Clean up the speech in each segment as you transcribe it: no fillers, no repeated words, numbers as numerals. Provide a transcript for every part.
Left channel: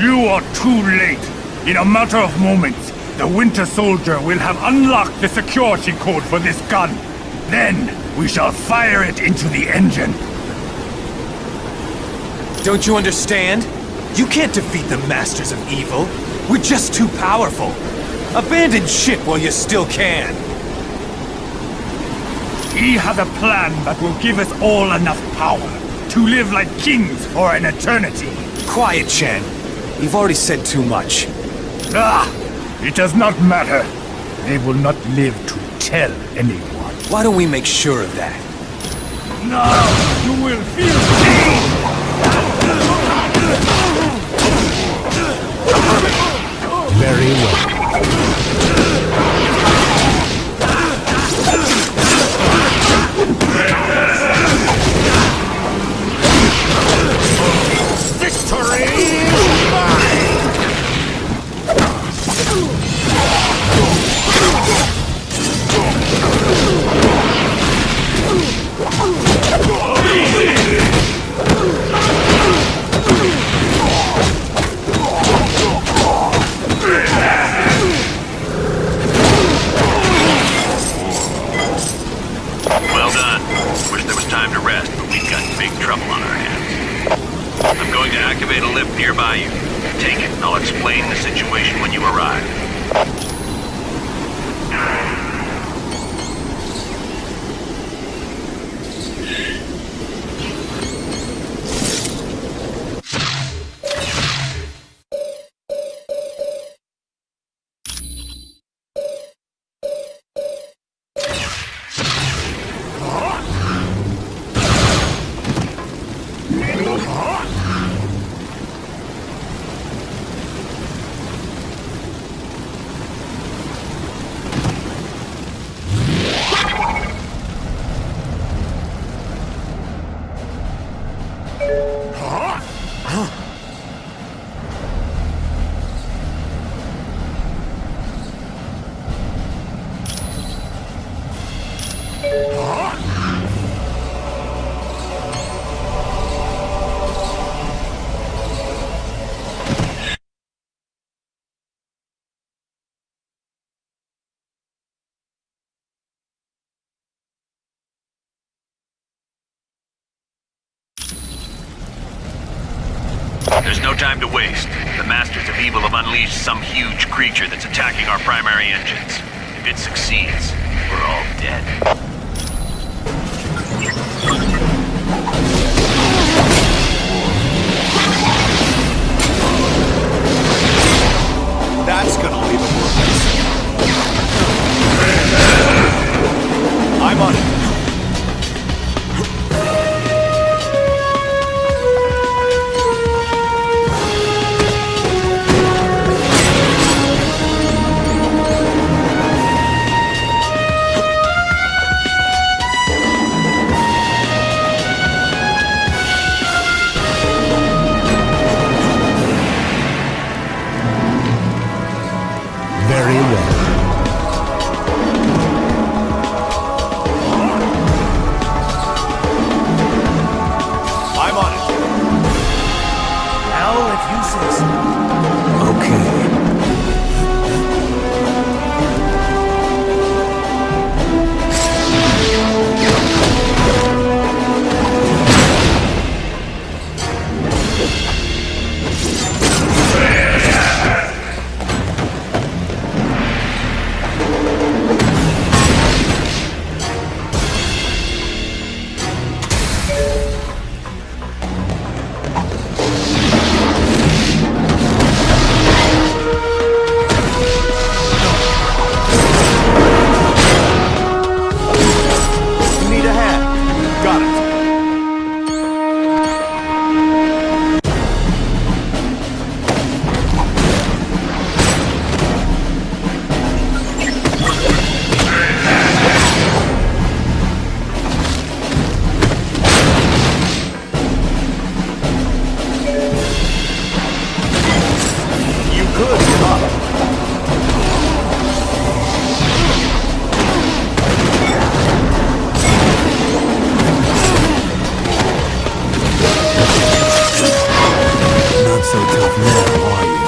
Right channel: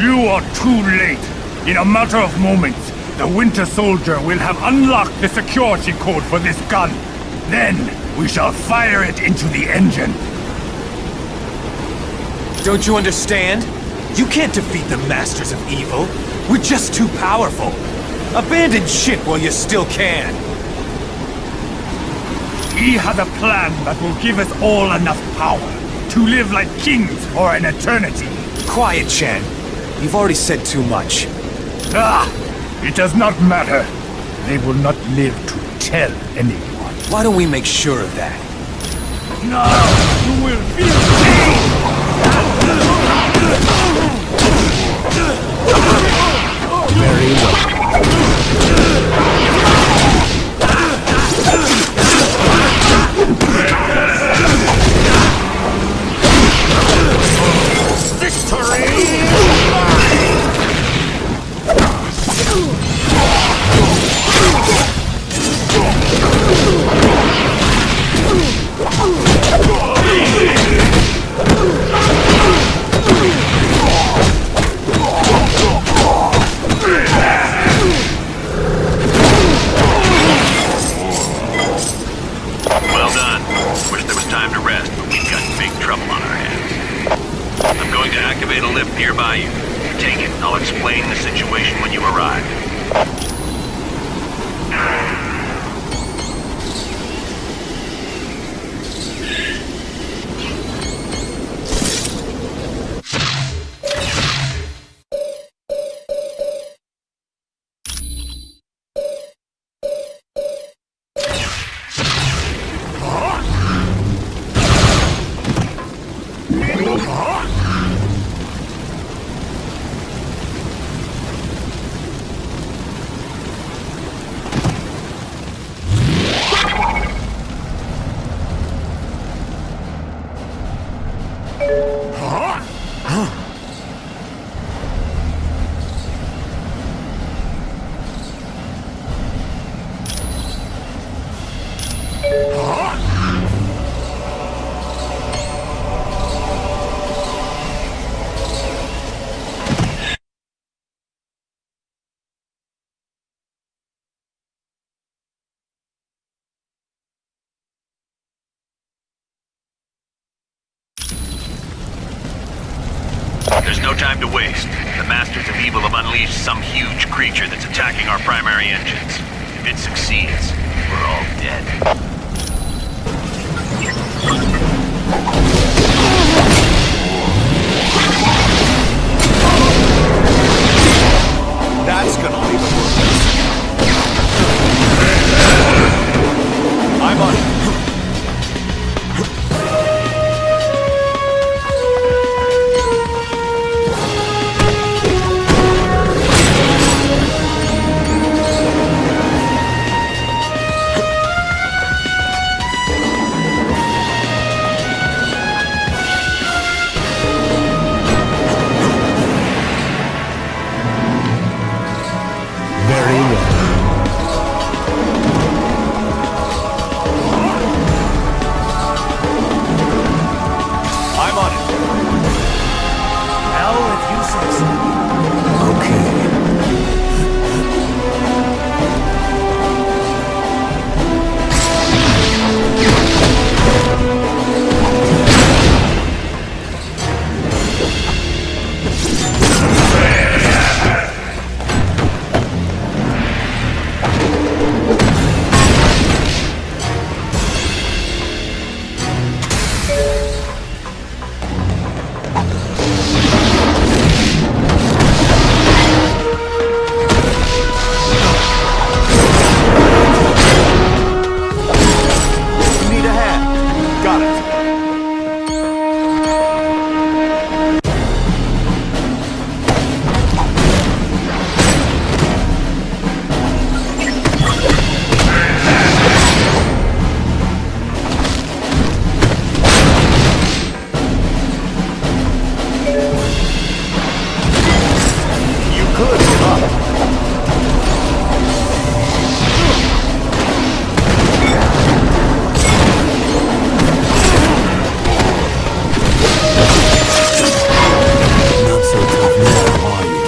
You are too late. In a matter of moments, the Winter Soldier will have unlocked the security code for this gun. Then, we shall fire it into the engine. Don't you understand? You can't defeat the Masters of Evil. We're just too powerful. Abandon ship while you still can. He has a plan that will give us all enough power to live like kings for an eternity. Quiet, Chen. You've already said too much. It does not matter. They will not live to tell anyone. Why don't we make sure of that? Now you will feel pain! Affirmative. Very well. Victory is mine! Well done. Wish there was time to rest, but we've got big trouble on our hands. I'm going to activate a lift nearby you. Take it, and I'll explain the situation when you arrive. There's no time to waste. The Masters of Evil have unleashed some huge creature that's attacking our primary engines. If it succeeds, we're all dead. That's gonna leave a wound. I'm on it. so tough now, are you?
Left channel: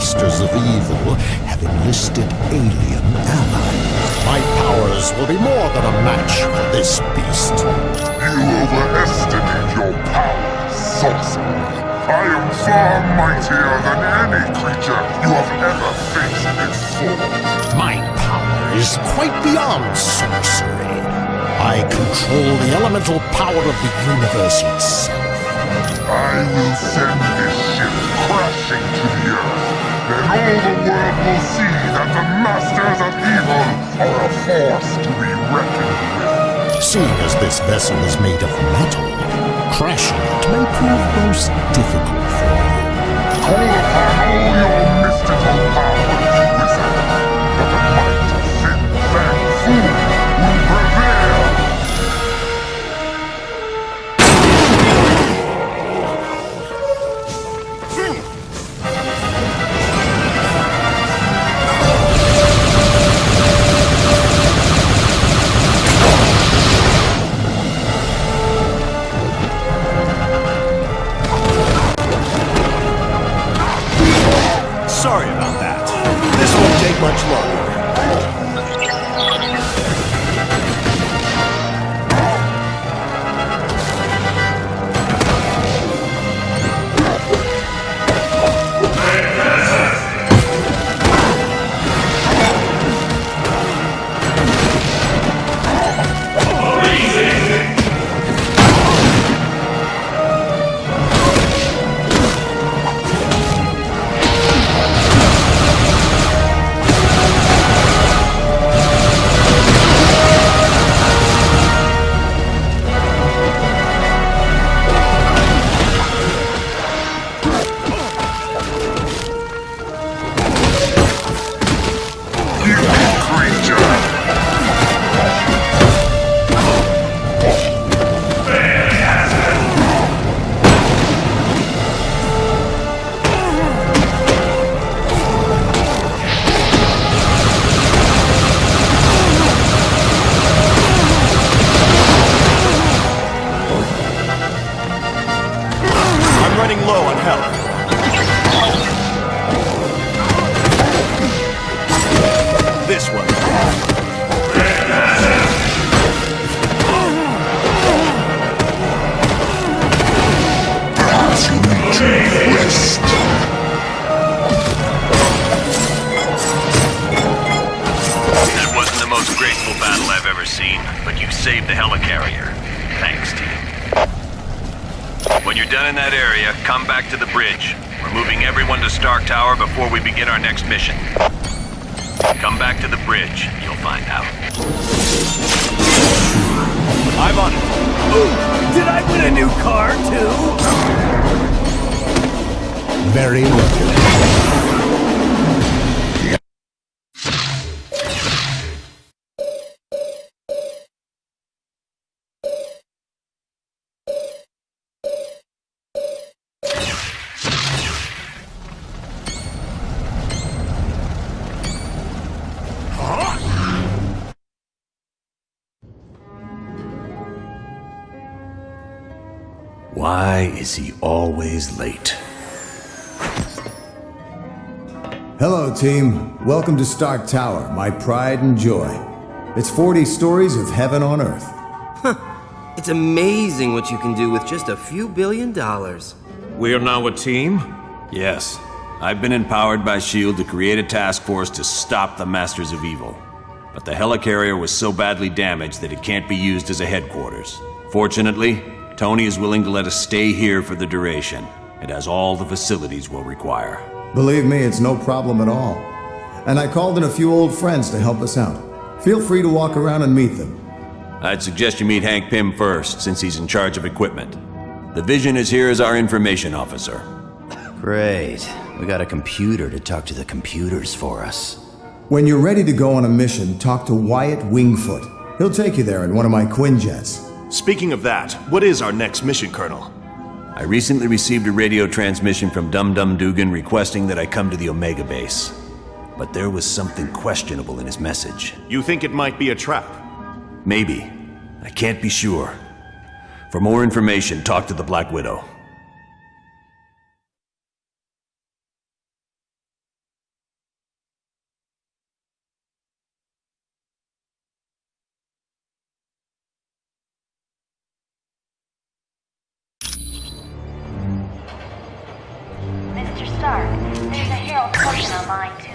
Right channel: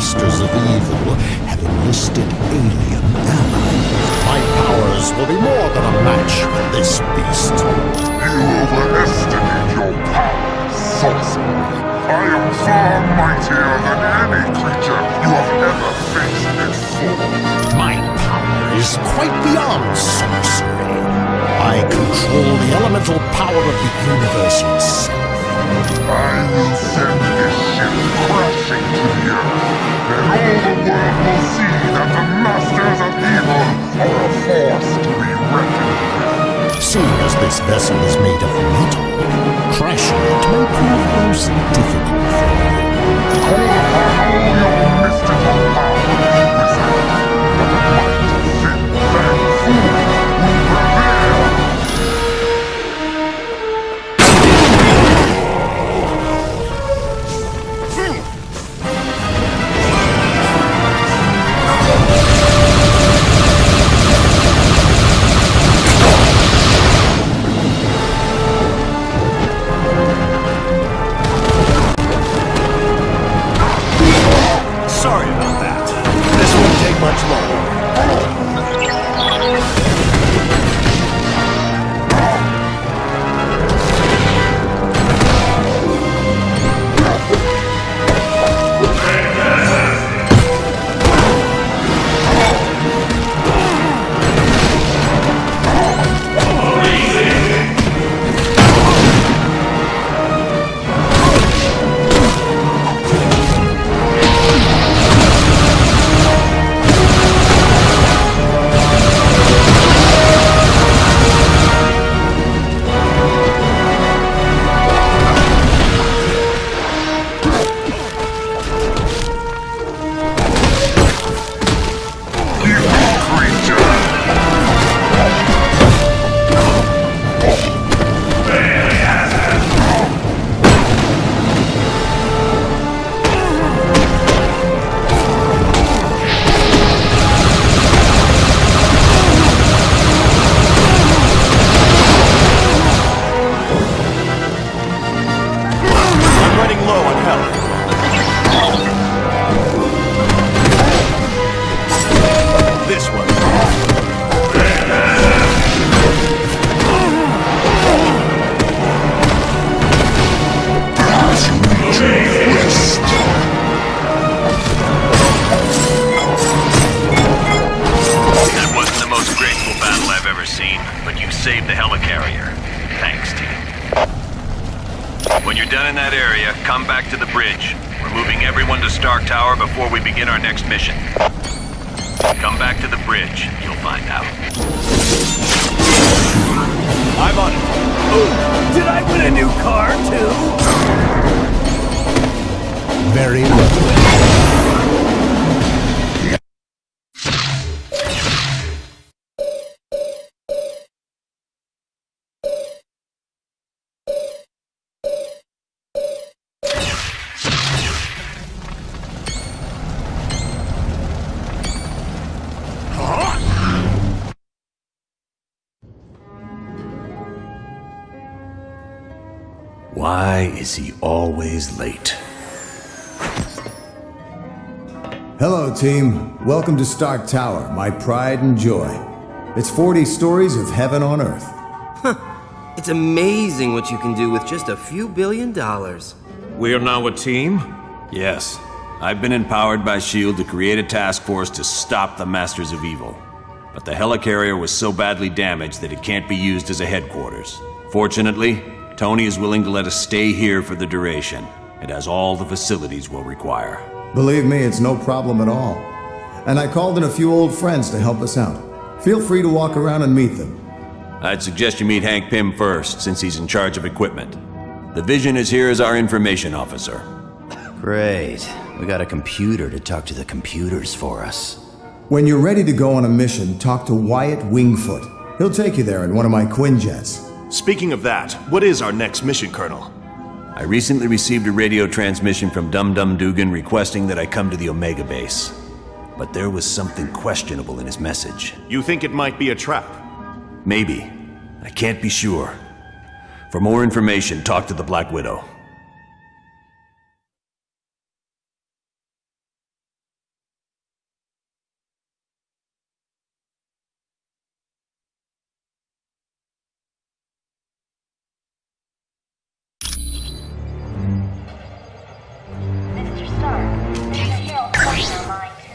Masters of evil have enlisted alien allies. My powers will be more than a match for this beast. You overestimate your power, sorcerer. I am far mightier than any creature you have ever faced before. My power is quite beyond sorcery. I control the elemental power of the universe itself. I will send this ship crashing to the earth. Then all the world will see that the Masters of Evil are a force to be reckoned with. Seeing as this vessel is made of metal, crashing it may prove most difficult for you. Call upon all your mystical powers, wizard. But a mighty thin fang fool will prevail. Sorry about that. This won't take much longer. I'm running low on health. This one. Perhaps you need to rest. That wasn't the most graceful battle I've ever seen, but you saved the helicarrier. Thanks, team. When you're done in that area, come back to the bridge. We're moving everyone to Stark Tower before we begin our next mission. Come back to the bridge. You'll find out. I'm on it. Ooh, did I win a new car, too? Very well. Why is he always late? Hello, team. Welcome to Stark Tower, my pride and joy. It's 40 stories of heaven on Earth. It's amazing what you can do with just a few $1 billion. We are now a team? Yes. I've been empowered by S.H.I.E.L.D. to create a task force to stop the Masters of Evil. But the helicarrier was so badly damaged that it can't be used as a headquarters. Fortunately, Tony is willing to let us stay here for the duration. It has all the facilities we'll require. Believe me, it's no problem at all. And I called in a few old friends to help us out. Feel free to walk around and meet them. I'd suggest you meet Hank Pym first, since he's in charge of equipment. The Vision is here as our information officer. Great. We got a computer to talk to the computers for us. When you're ready to go on a mission, talk to Wyatt Wingfoot. He'll take you there in one of my Quinjets. Speaking of that, what is our next mission, Colonel? I recently received a radio transmission from Dum Dum Dugan requesting that I come to the Omega base. But there was something questionable in his message. You think it might be a trap? Maybe. I can't be sure. For more information, talk to the Black Widow. Mr. Stark, there's a Herald token on line 2.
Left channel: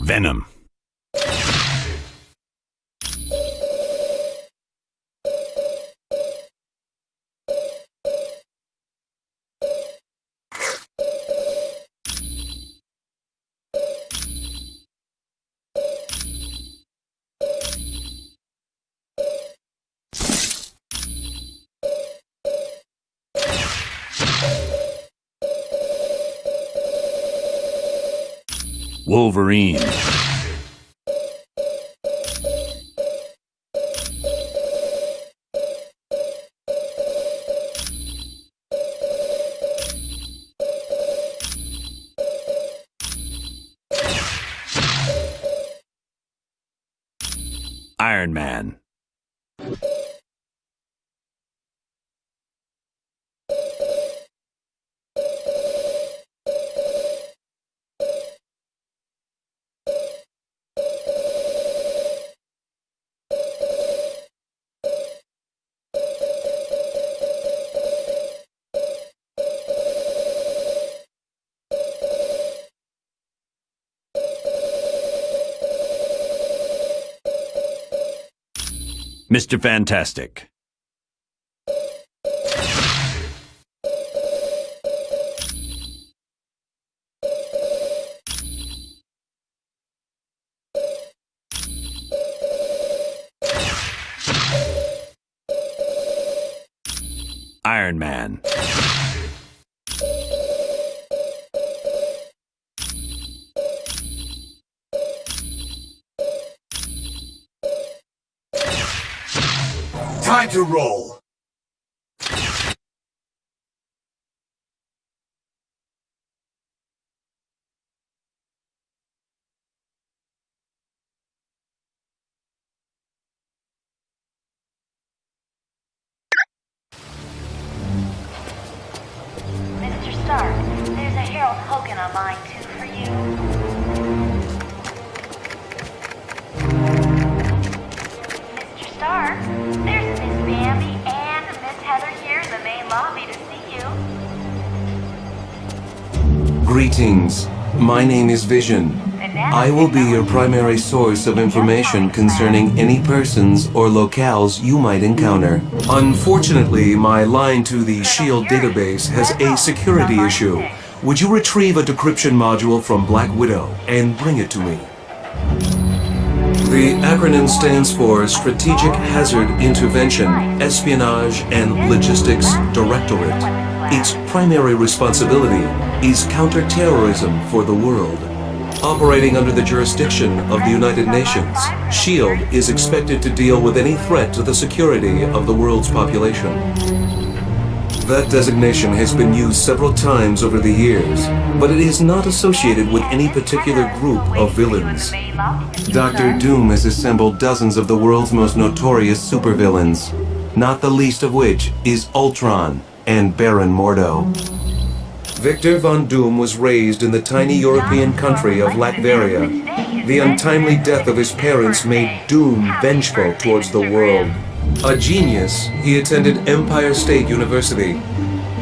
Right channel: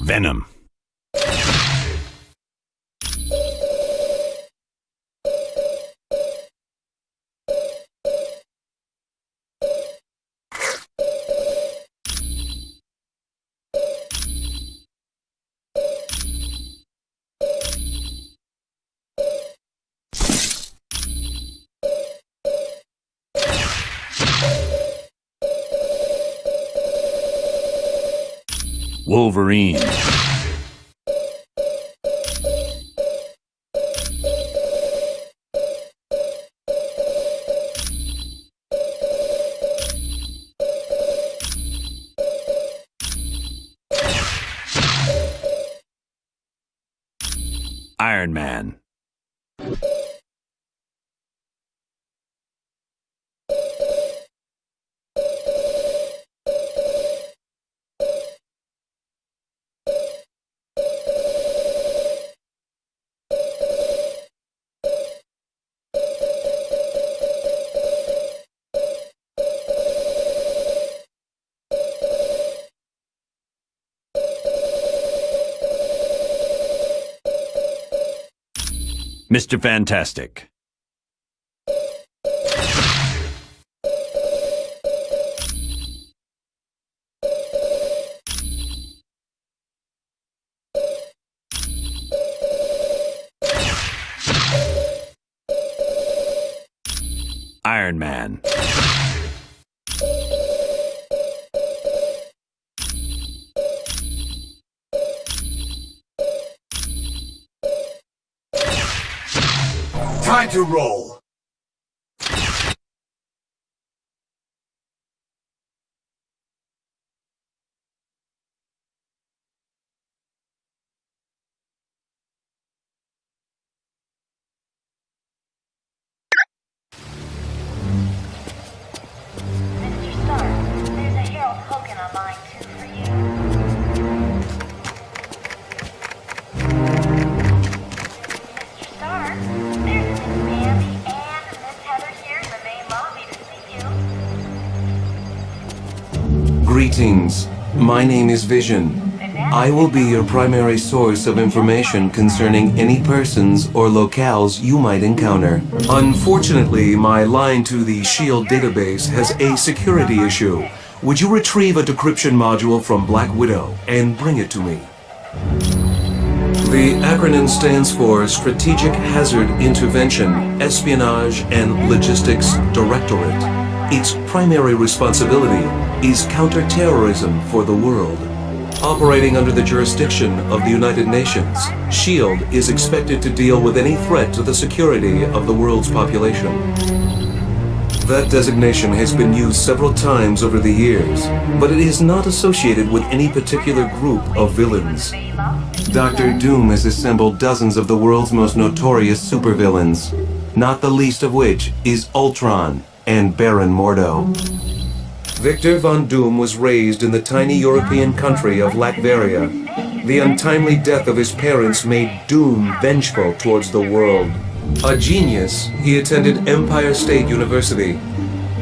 Venom. Wolverine. Iron Man. Mr. Fantastic. Iron Man. Time to roll. Mr. Stark, there's a Herald token on line 2 for you. Mr. Stark, there's Miss Bambi and Miss Heather here in the main lobby to see you. Greetings. My name is Vision. I will be your primary source of information concerning any persons or locales you might encounter. Unfortunately, my line to the S.H.I.E.L.D. database has a security issue. Would you retrieve a decryption module from Black Widow and bring it to me? The acronym stands for Strategic Hazard Intervention, Espionage and Logistics Directorate. Its primary responsibility is counterterrorism for the world. Operating under the jurisdiction of the United Nations, S.H.I.E.L.D. is expected to deal with any threat to the security of the world's population. That designation has been used several times over the years, but it is not associated with any particular group of villains. Dr. Doom has assembled dozens of the world's most notorious supervillains, not the least of which is Ultron and Baron Mordo. Victor Von Doom was raised in the tiny European country of Latveria. The untimely death of his parents made Doom vengeful towards the world. A genius, he attended Empire State University.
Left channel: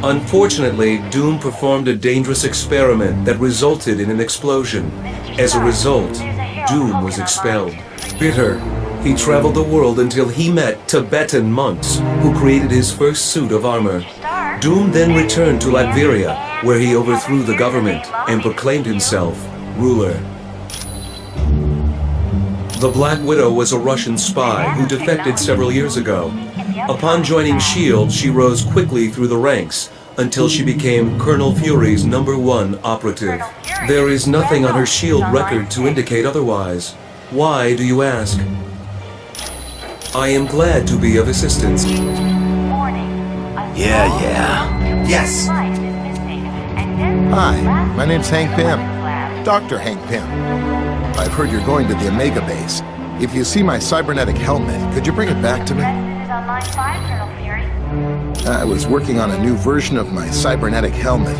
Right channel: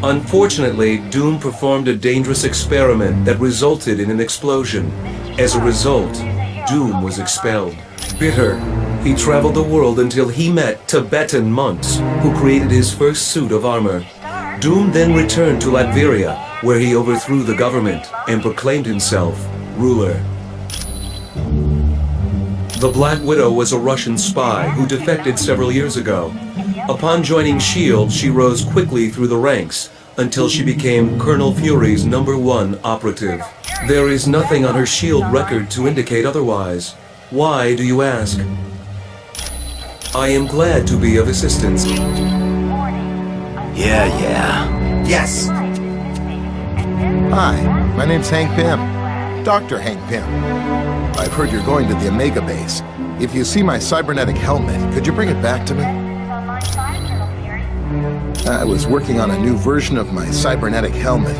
Unfortunately, Doom performed a dangerous experiment that resulted in an explosion. As a result, Doom was expelled. Bitter, he traveled the world until he met Tibetan monks, who created his first suit of armor. Doom then returned to Latveria, where he overthrew the government and proclaimed himself ruler. The Black Widow was a Russian spy who defected several years ago. Upon joining S.H.I.E.L.D., she rose quickly through the ranks until she became Colonel Fury's #1 operative. There is nothing on her S.H.I.E.L.D. record to indicate otherwise. Why, do you ask? I am glad to be of assistance. Yeah. Yes. Hi, my name's Hank Pym. Dr. Hank Pym. I've heard you're going to the Omega base. If you see my cybernetic helmet, could you bring it back to me? I was working on a new version of my cybernetic helmet.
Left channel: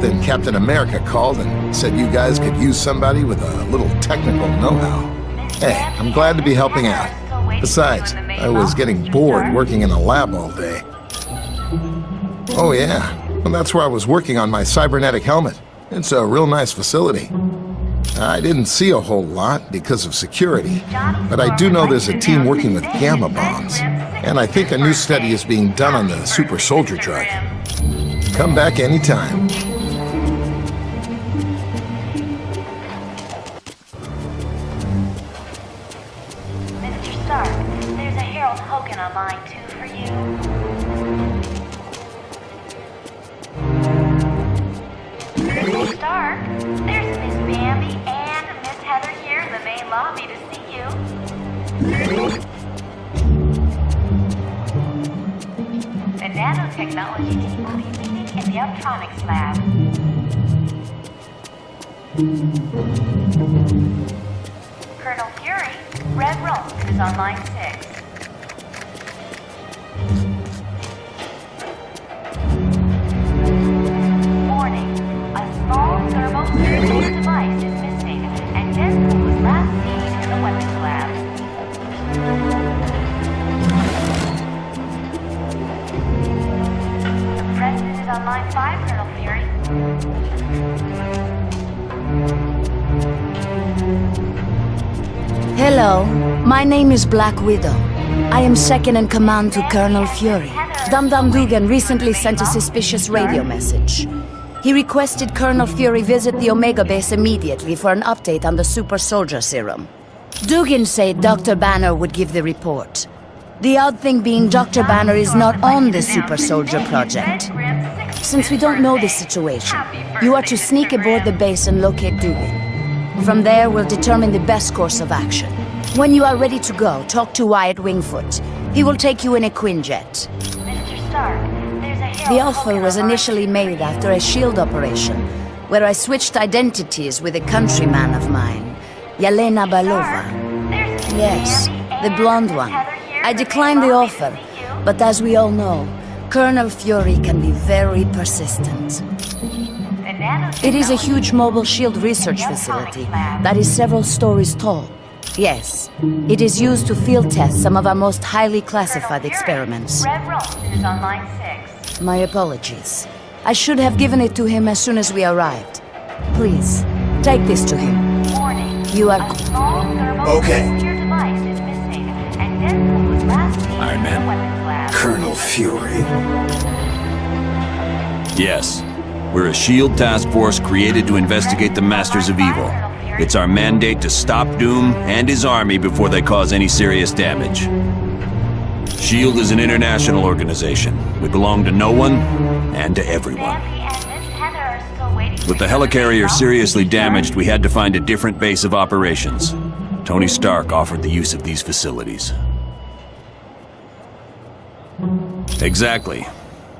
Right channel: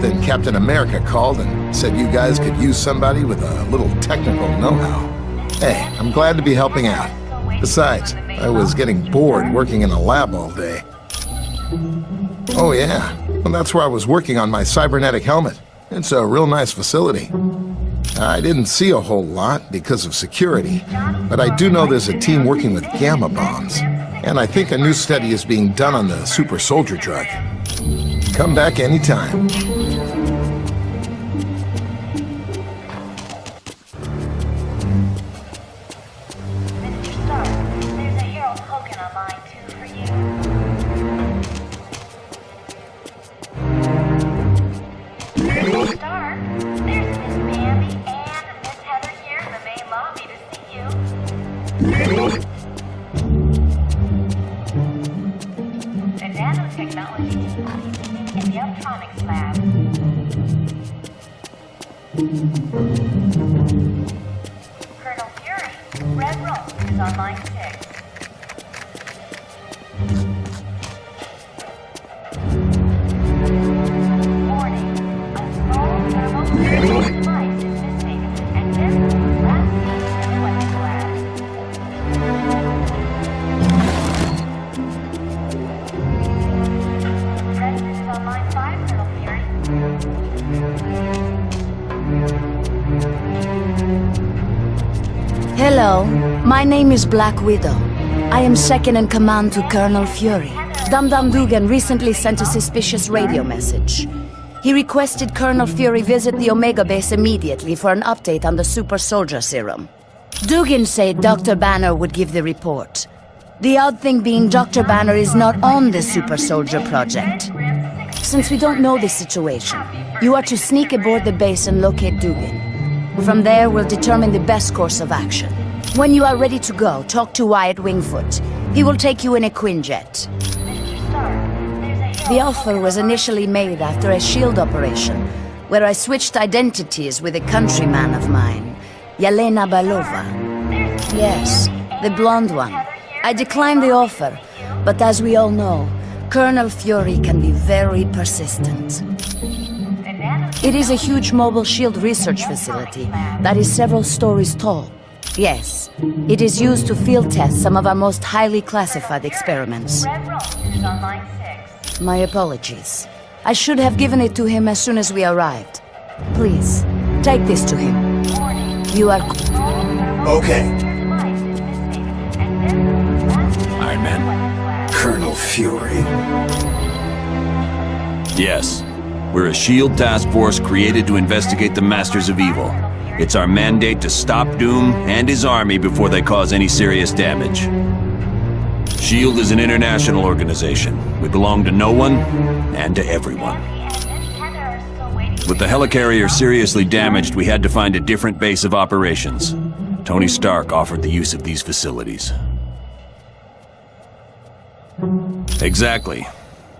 Then Captain America called and said you guys could use somebody with a little technical know-how. Hey, I'm glad to be helping out. Besides, I was getting bored working in a lab all day. Oh yeah, well that's where I was working on my cybernetic helmet. It's a real nice facility. I didn't see a whole lot because of security, but I do know there's a team working with gamma bombs, and I think a new study is being done on the super soldier drug. Come back anytime. Mr. Stark, there's a Harold Hogan on line 2 for you. Mr. Stark, there's Miss Bambi and Miss Heather here in the main lobby to see you. The nanotechnology team will be meeting in the electronics lab. Colonel Fury, Red Roast is on line 6. Warning, a small thermonuclear device is missing, and this was last seen in the weapons lab. The President is on line 5, Colonel Fury. Hello, my name is Black Widow. I am second in command to Colonel Fury. Dum Dum Dugan recently sent a suspicious radio message. He requested Colonel Fury visit the Omega base immediately for an update on the super soldier serum. Dugan said Dr. Banner would give the report. The odd thing being Dr. Banner is not on the super soldier project. Since we don't know the situation, you are to sneak aboard the base and locate Dugan. From there, we'll determine the best course of action. When you are ready to go, talk to Wyatt Wingfoot. He will take you in a Quinjet. The offer was initially made after a S.H.I.E.L.D. operation, where I switched identities with a countryman of mine, Yelena Balova. Yes, the blonde one. I declined the offer, but as we all know, Colonel Fury can be very persistent. It is a huge mobile shield research facility that is several stories tall. Yes, it is used to field test some of our most highly classified experiments. My apologies. I should have given it to him as soon as we arrived. Please, take this to him. You are... Okay. I meant Colonel Fury. yes. We're a S.H.I.E.L.D. task force created to investigate the Masters of Evil. It's our mandate to stop Doom and his army before they cause any serious damage. S.H.I.E.L.D. is an international organization. We belong to no one and to everyone. With the helicarrier seriously damaged, we had to find a different base of operations. Tony Stark offered the use of these facilities. Exactly.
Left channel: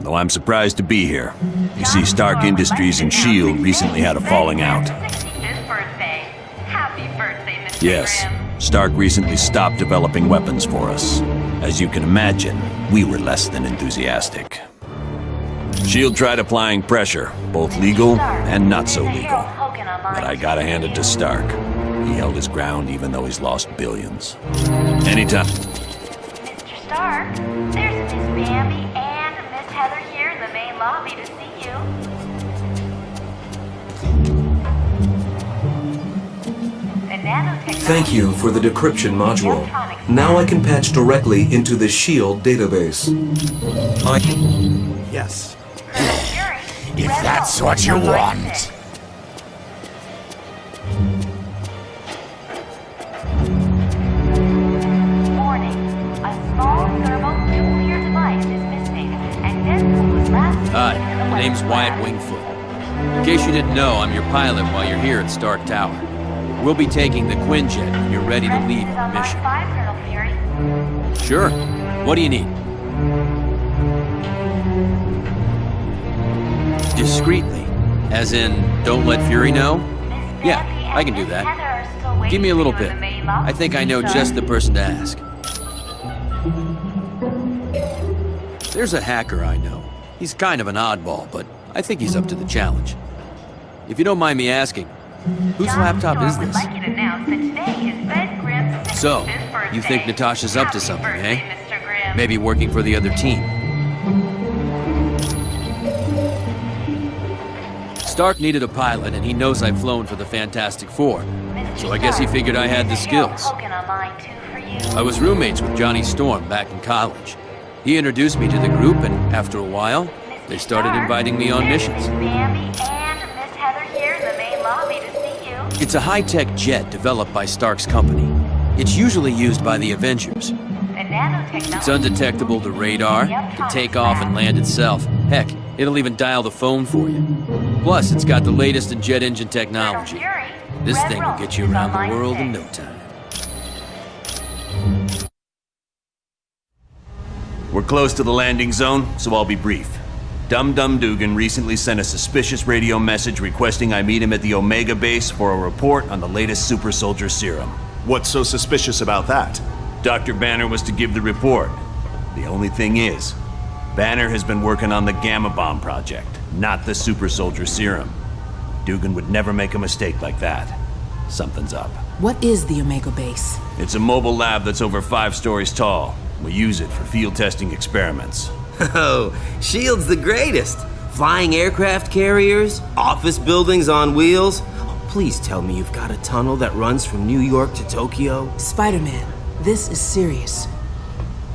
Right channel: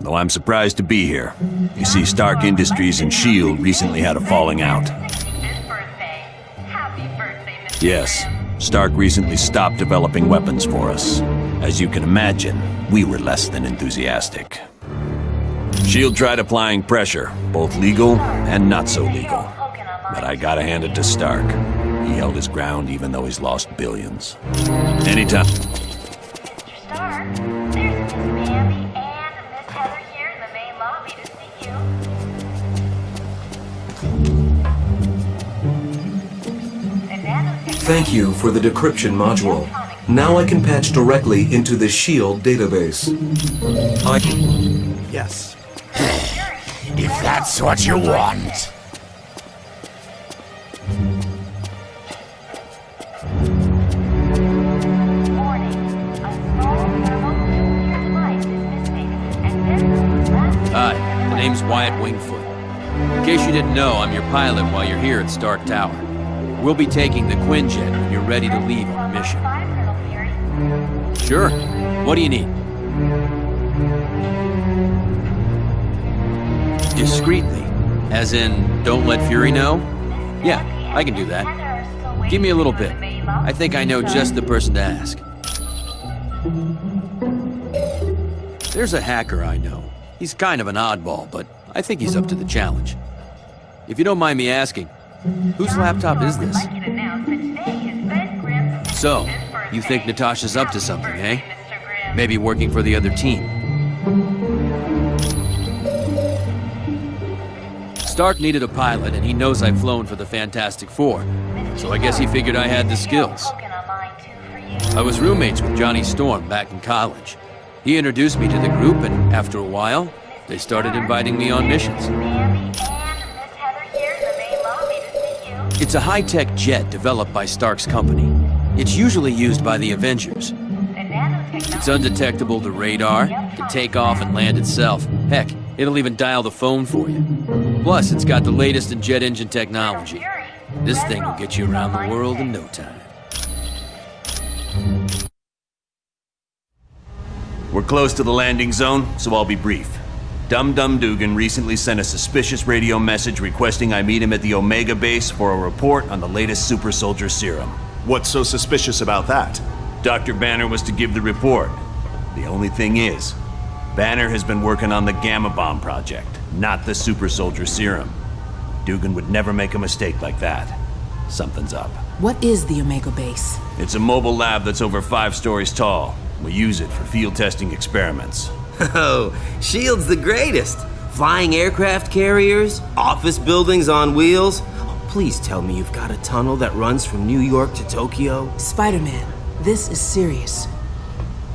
though I'm surprised to be here. You see, Stark Industries and S.H.I.E.L.D. recently had a falling out. 65th birthday. Happy birthday, Mr. Yes, Grimm. Stark recently stopped developing weapons for us. As you can imagine, we were less than enthusiastic. S.H.I.E.L.D. tried applying pressure, both legal and not so legal. But I gotta hand it to Stark. He held his ground even though he's lost billions. Anytime. Mr. Stark, there's Miss Bambi and Miss Heather here in the main lobby to see you. Thank you for the decryption module. Now I can patch directly into the S.H.I.E.L.D. database. Yes. If that's what you want. Hi, my name's Wyatt Wingfoot. In case you didn't know, I'm your pilot while you're here at Stark Tower. We'll be taking the Quinjet when you're ready to leave our mission. Sure. What do you need? Discreetly. As in, don't let Fury know? Yeah, I can do that. Give me a little bit. I think I know just the person to ask. There's a hacker I know. He's kind of an oddball, but I think he's up to the challenge. If you don't mind me asking, whose laptop is this? So, you think Natasha's up to something, eh? Maybe working for the other team. Stark needed a pilot, and he knows I've flown for the Fantastic Four, so I guess he figured I had the skills. I was roommates with Johnny Storm back in college. He introduced me to the group, and after a while, they started inviting me on missions. It's a high-tech jet developed by Stark's company. It's usually used by the Avengers. It's undetectable to radar, can take off and land itself. Heck, it'll even dial the phone for you. Plus, it's got the latest in jet engine technology. This thing will get you around the world in no time. We're close to the landing zone, so I'll be brief. Dum Dum Dugan recently sent a suspicious radio message requesting I meet him at the Omega base for a report on the latest super soldier serum. What's so suspicious about that? Dr. Banner was to give the report. The only thing is, Banner has been working on the Gamma Bomb project, not the super soldier serum. Dugan would never make a mistake like that. Something's up. What is the Omega base? It's a mobile lab that's over 5 stories tall. We use it for field testing experiments. Oh, S.H.I.E.L.D's the greatest. Flying aircraft carriers, office buildings on wheels. Oh, please tell me you've got a tunnel that runs from New York to Tokyo. Spider-Man, this is serious.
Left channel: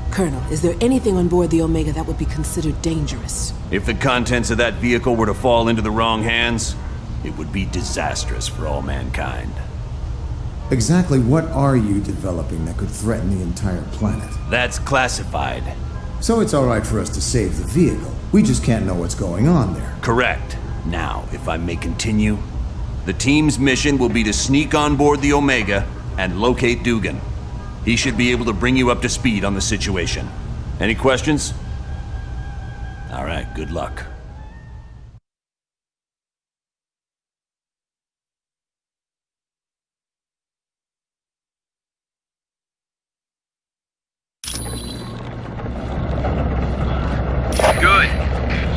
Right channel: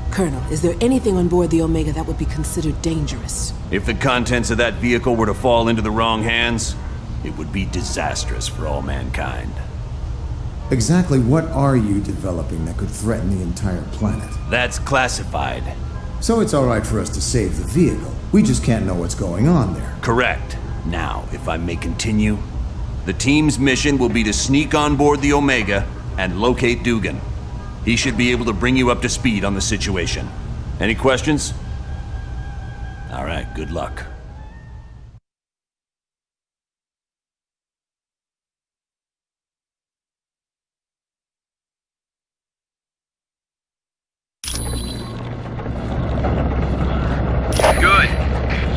Colonel, is there anything on board the Omega that would be considered dangerous? If the contents of that vehicle were to fall into the wrong hands, it would be disastrous for all mankind. Exactly what are you developing that could threaten the entire planet? That's classified. So it's all right for us to save the vehicle. We just can't know what's going on there. Correct. Now, if I may continue, the team's mission will be to sneak on board the Omega and locate Dugan. He should be able to bring you up to speed on the situation. Any questions? All right, good luck. Good.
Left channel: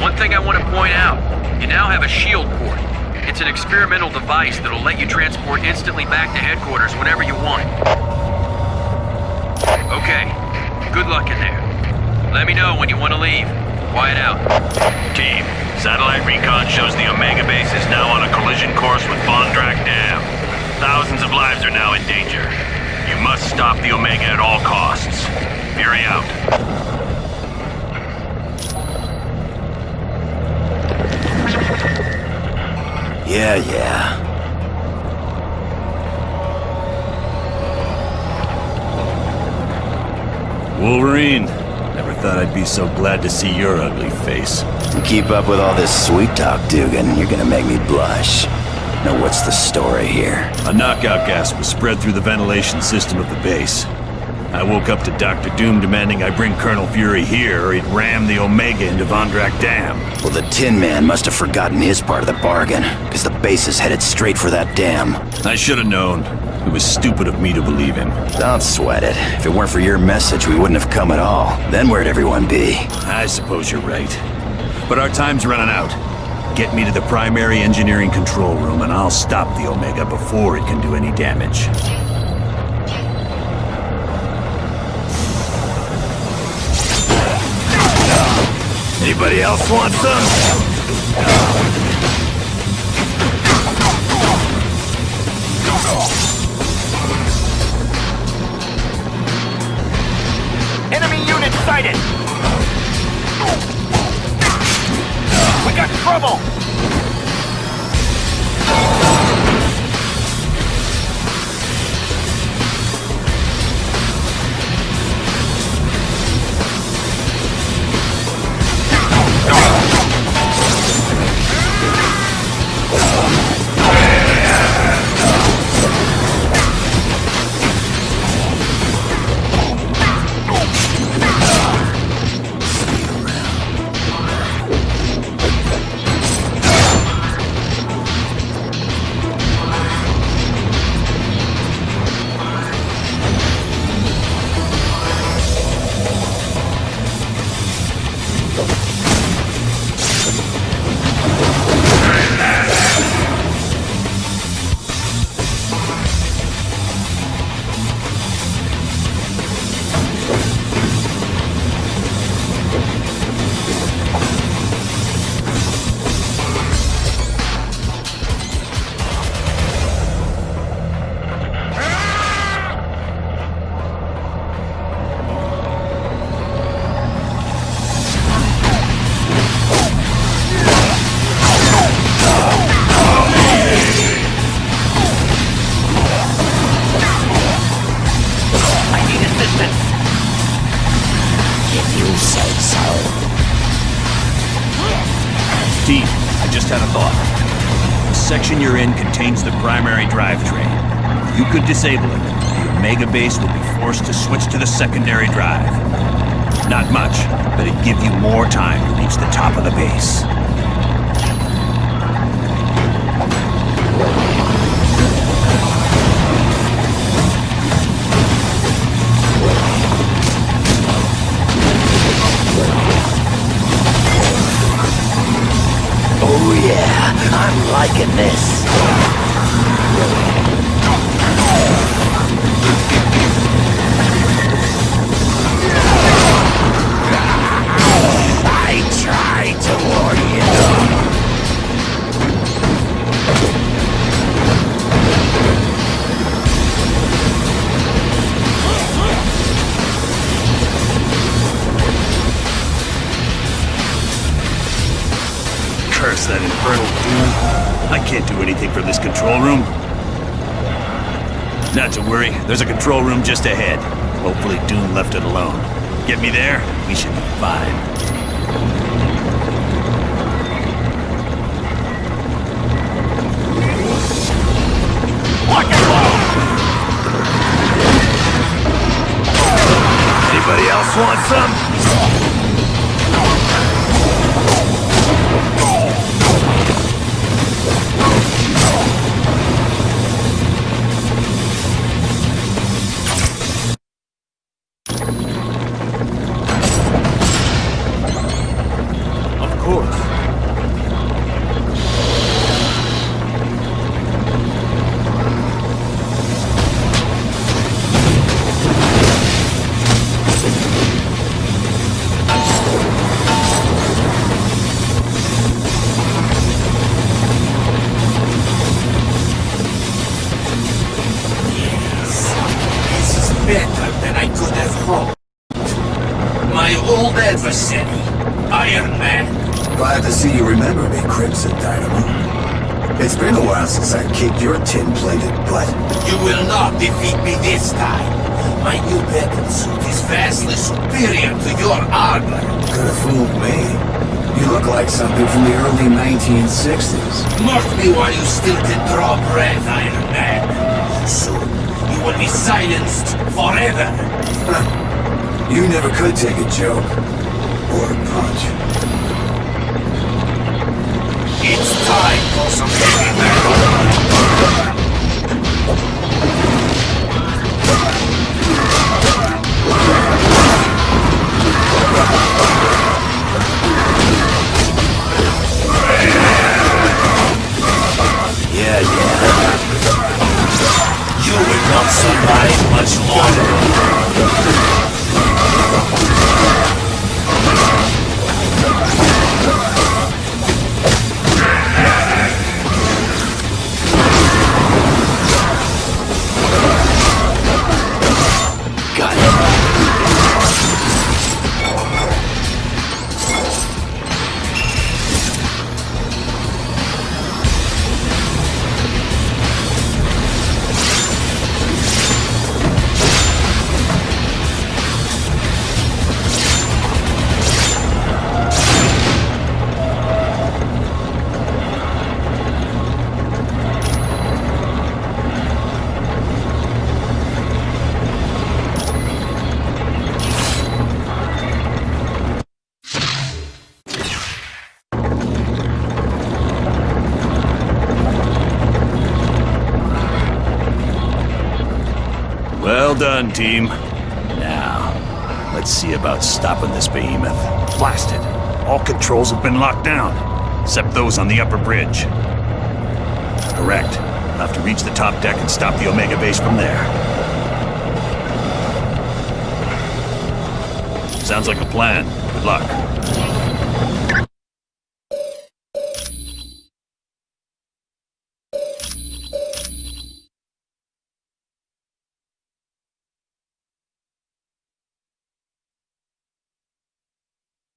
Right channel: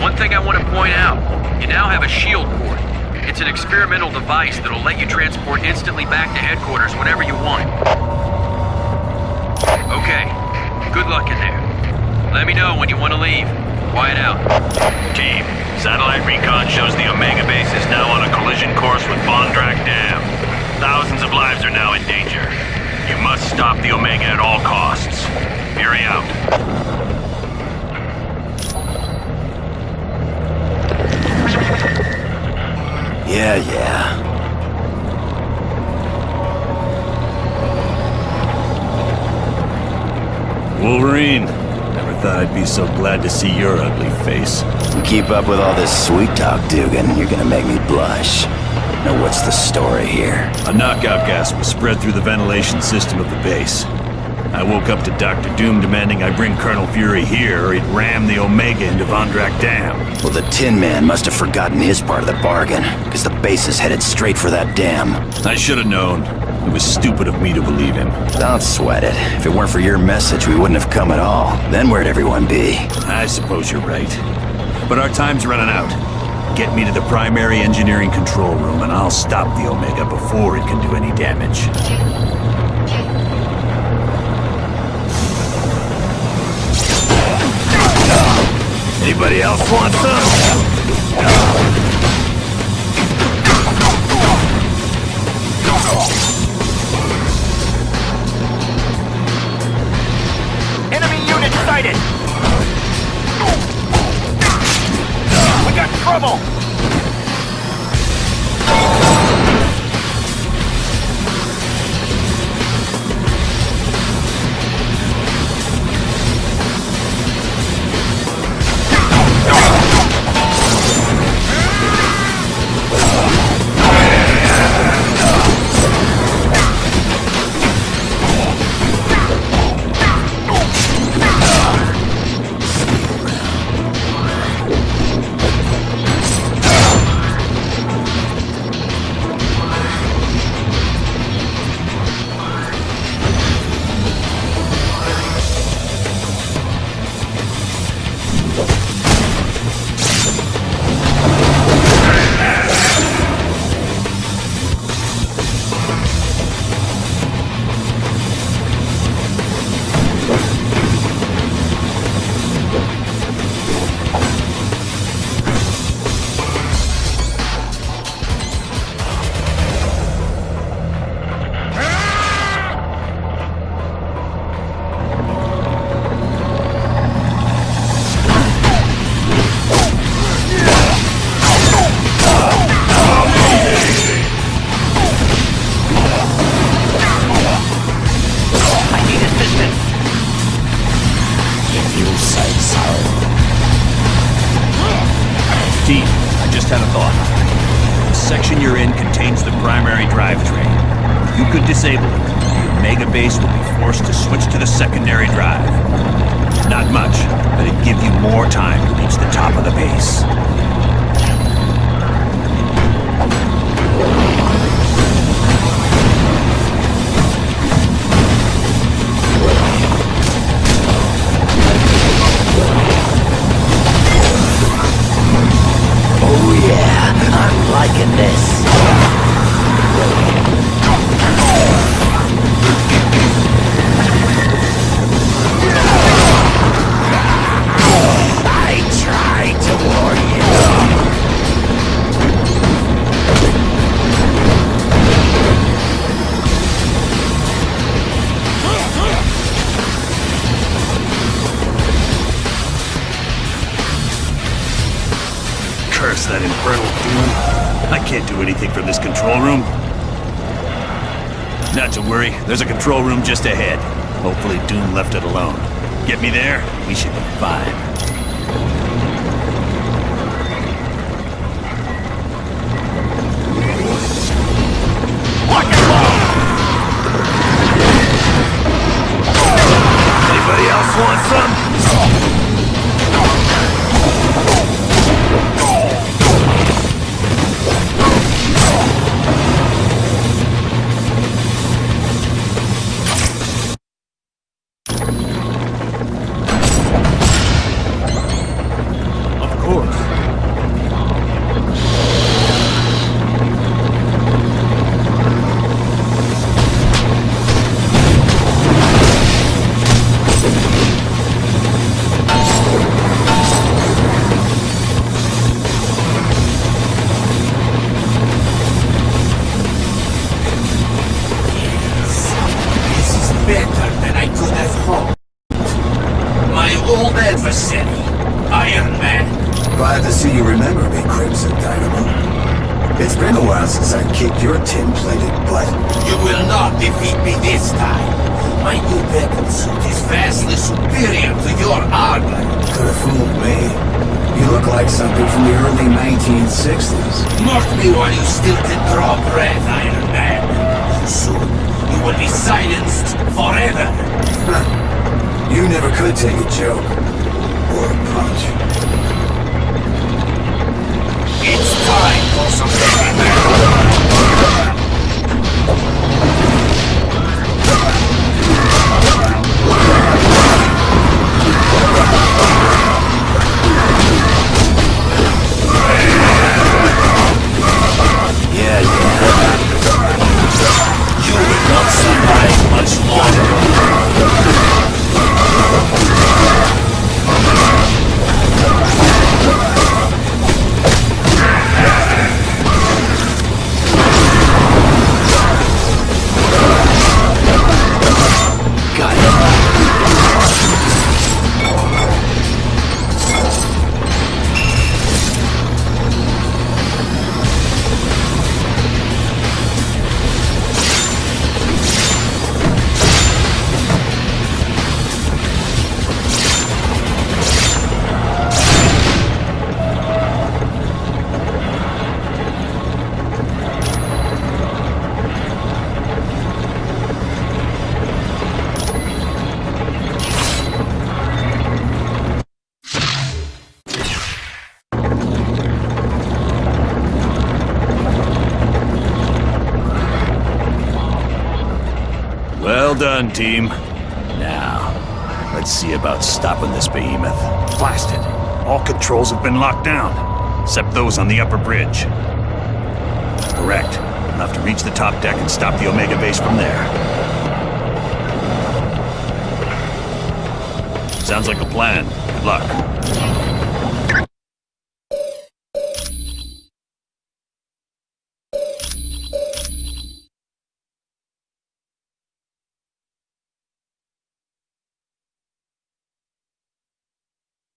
One thing I want to point out, you now have a S.H.I.E.L.D. port. It's an experimental device that'll let you transport instantly back to headquarters whenever you want. Okay, good luck in there. Let me know when you want to leave. Quiet out. Team, satellite recon shows the Omega base is now on a collision course with Bondrak Dam. Thousands of lives are now in danger. You must stop the Omega at all costs. Fury out. Yeah. Wolverine, never thought I'd be so glad to see your ugly face. You keep up with all this sweet talk, Dugan, you're gonna make me blush. Now what's the story here? A knockout gas was spread through the ventilation system of the base. I woke up to Dr. Doom demanding I bring Colonel Fury here or he'd ram the Omega into Vondrak Dam. Well, the Tin Man must have forgotten his part of the bargain, because the base is headed straight for that dam. I should have known. It was stupid of me to believe him. Don't sweat it. If it weren't for your message, we wouldn't have come at all. Then where'd everyone be? I suppose you're right. But our time's running out. Get me to the primary engineering control room and I'll stop the Omega before it can do any damage. Anybody else want some? Enemy unit sighted! We got trouble! Team, I just had a thought. The section you're in contains the primary drivetrain. If you could disable it, the Omega base would be forced to switch to the secondary drive. Not much, but it'd give you more time to reach the top of the base. Oh yeah, I'm liking this. I tried to warn you. Curse that infernal Doom. I can't do anything from this control room. Not to worry, there's a control room just ahead. Hopefully Doom left it alone. Get me there, we should be fine. Lock and load! Anybody else want some? Better than I could have hoped. My old adversary, Iron Man. Glad to see you remember me, Crimson Dynamo. It's been a while since I kicked your tin-plated butt. You will not defeat me this time. My new battle suit is vastly superior to your armor. Could have fooled me. You look like something from the early 1960s. Mark me while you still can draw breath, Iron Man. Soon, you will be silenced forever. You never could take a joke. Or a punch. It's time for some heavy metal! Yeah. You will not survive much longer. Got it. Well done, team. Now, let's see about stopping this behemoth. Blasted. All controls have been locked down, except those on the upper bridge. Correct. We'll have to reach the top deck and stop the Omega base from there. Sounds like a plan. Good luck.